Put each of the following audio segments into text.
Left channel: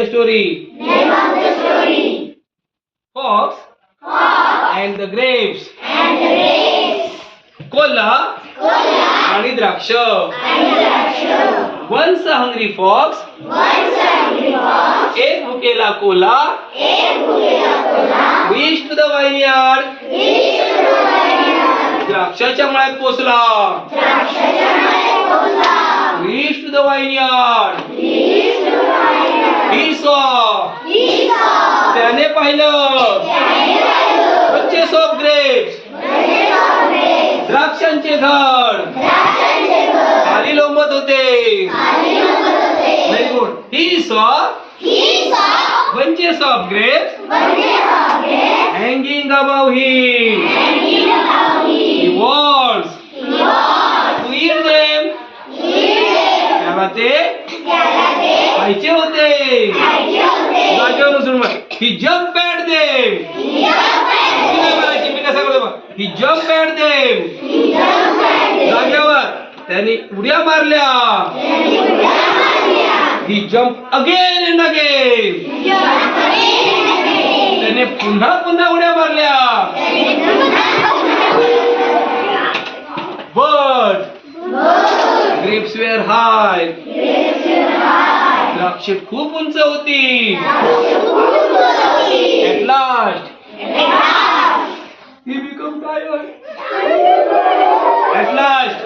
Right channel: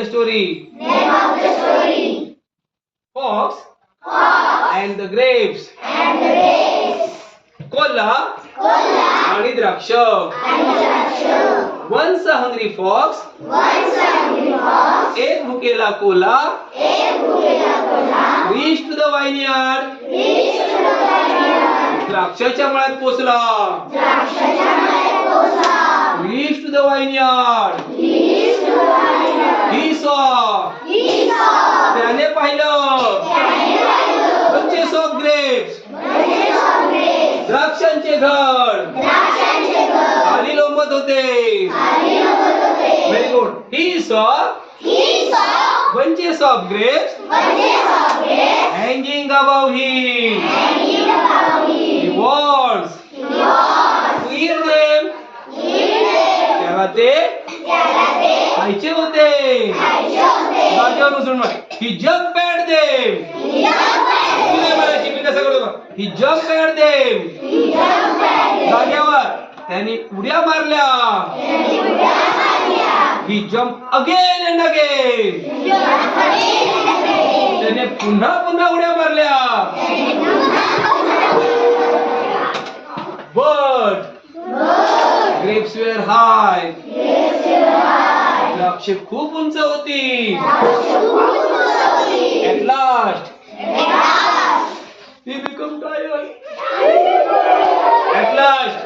Story. Name of the story. Fox Fox and the grapes. and the grapes. कोल्हा Kola आणि द्राक्ष. and Draksha. Once a hungry fox, Once a hungry fox, एक भुकेला कोल्हा, एक भुकेला कोल्हा, reached to the vineyard. reached to the vineyard. द्राक्षाच्या मळ्यात पोचला. द्राक्षाच्या मळ्यात पोहोचला. Reached to the vineyard. Reached to the vineyard. He saw. He saw. त्याने पाहिलं. त्याने पाहिलं. bunches of grapes. Bunches of grapes. द्राक्षांचे घड द्राक्षांचे घर. खाली लोंबत होते. खाली लोंबत होते. Very good. He saw He saw bunches of grapes bunches of grapes hanging above him. hanging above He him. wants He was to eat them. eating. त्याला ते त्याला ते खायचे होते. खायचे होते. जागेवर उचलून बघ. He jumped at them. He jumped at तू नाही बोलायची, मी कसं करतो बघ. He jumped at them. He jumped at them. जागेवर त्यांनी उड्या मारल्या. त्यांनी उड्या मारल्या. He jumped again and again. He jumped again and again. त्याने पुन्हा पुन्हा उड्या मारल्या. त्यांनी पुन्हा मारल्या. But But grapes were high. grapes were high. द्राक्षे खूप उंच होती. द्राक्षे खूप उंच होती. At last At last, he became tired. At last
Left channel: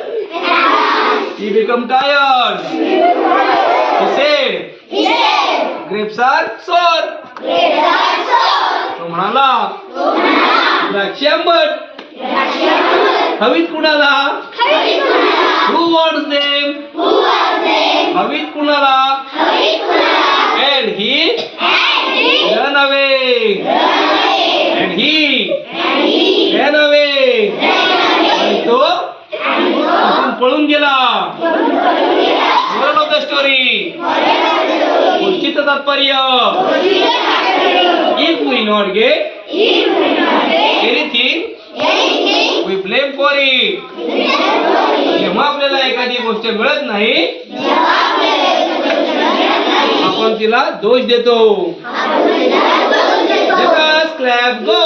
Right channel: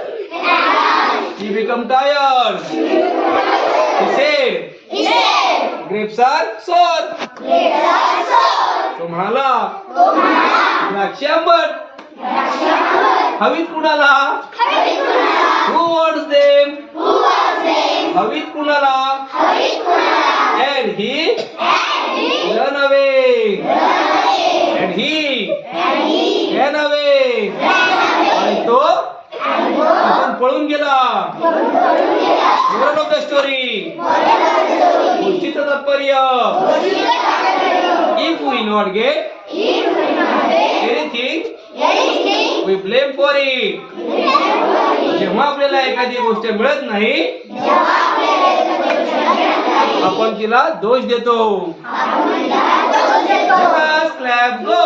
he became tired. He said, he said, grapes are sour. grapes are sour. तो म्हणाला, तो म्हणाला, द्राक्षे आंबट. द्राक्षे आंबट. हवीत कुणाला? हवीत कुणाला? Who wants them? Who was them? हवीत कुणाला? हवीत कुणाला? And he And he ran away. ran away. And he And he ran away. ran आणि away. तो आणि तो तिथून पळून गेला. पळून गेला. Moral of the story. Moral of the story. गोष्टीचं तात्पर्य, गोष्टीचं तात्पर्य. if we not get If we not get anything, anything, we blame for it. we blame for it. जेव्हा आपल्याला एखादी गोष्ट मिळत नाही, जेव्हा आपल्याला एखादी गोष्ट मिळत नाही, आपण तिला दोष देतो. आपण तिला दोष देतो. Just clap, go.